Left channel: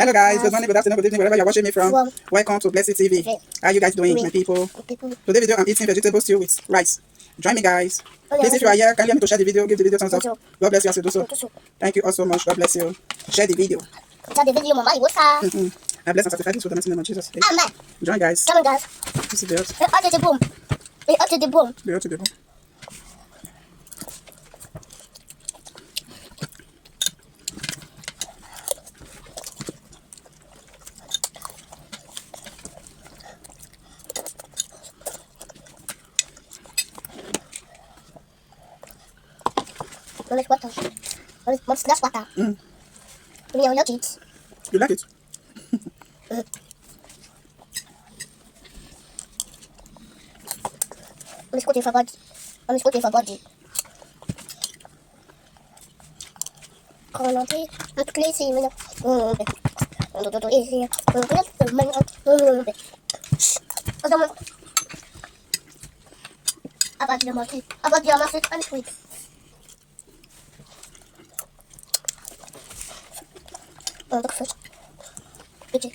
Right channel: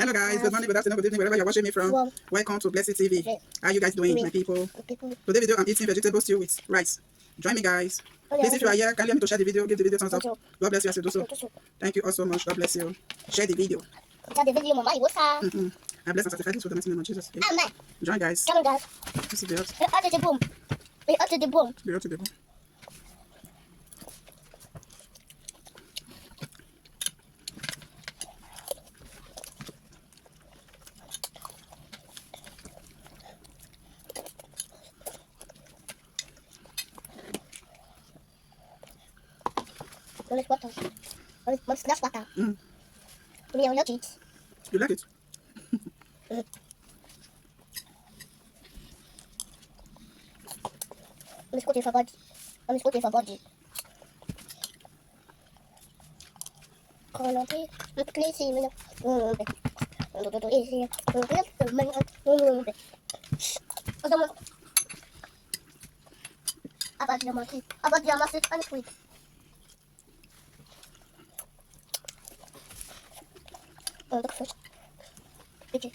Hello guys, good morning, good afternoon, good evening, wherever you're watching me from. Welcome to Blessed TV. How are you guys doing, my people? Today video I'm eating vegetable stew with rice. Join me guys. Please, if you are here, can you help me to share the video? Give the video thumbs up. God bless you as you do so. Thank you all so much. God bless you. Share the video. Share the video, Mama. What's up? I bless and sanctify this with the mighty name of Jesus. Amen. Join guys. Come on, guys. This is the earth. Up to the boom. Up to the boom. The earth to the bone. Let's water. Let's glass water. We are not it. You like it? Let's go to your body. Let's go to your body. Colonel, I'm crazy. About your mouth. About your mouth and sweet. Look first. Picture.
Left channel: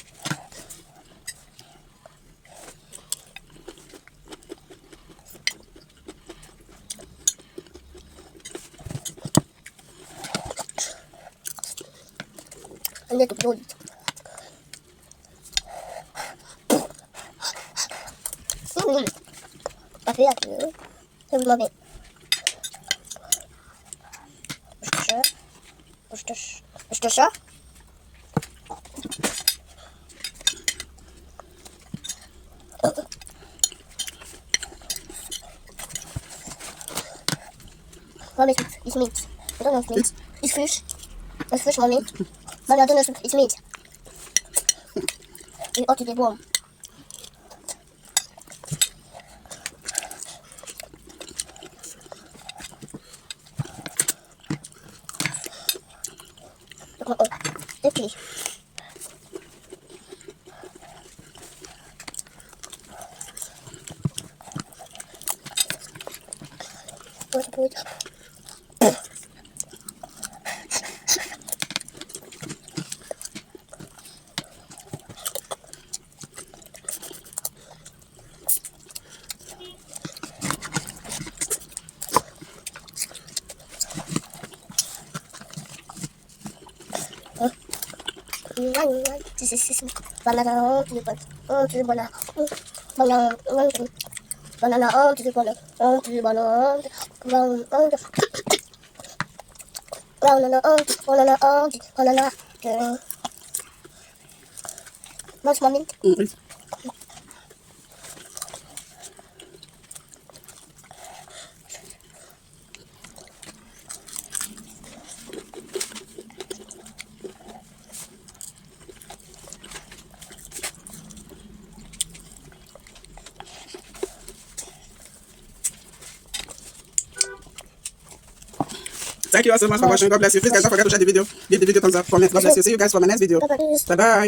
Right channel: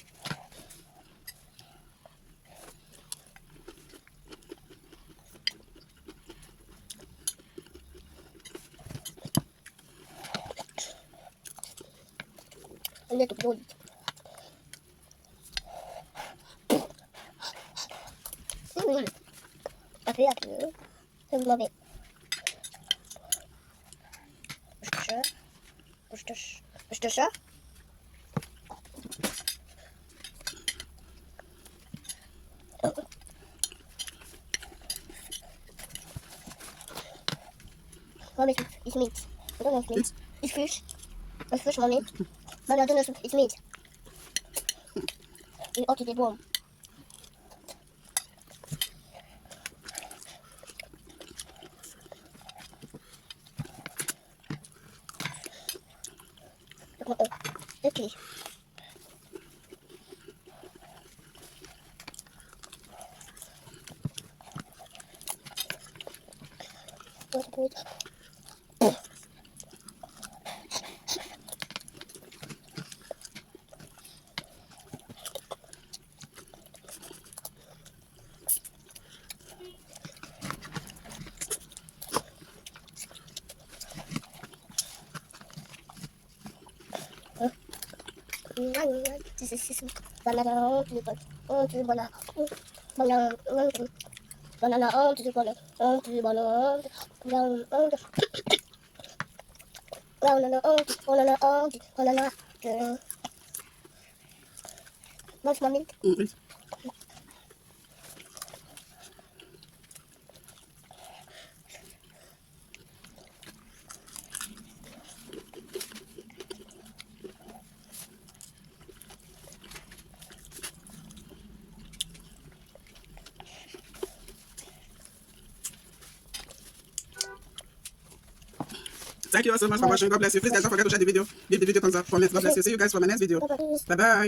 And then to blow it. I feel like you. I love it. Sure. Mommy, it's meat. I don't know if meat. It's fish. It's fish, mommy. Mommy, I don't know if it's meat. We ought to be warm. Okay. What's the point? This is banana to the banana to the banana banana banana to the banana to the banana banana What's mommy? Thank you all so much for watching. God bless you. Please guys, don't forget to share the video. Give the video thumbs up, comment. God bless you. See you guys for my next video. Bye bye.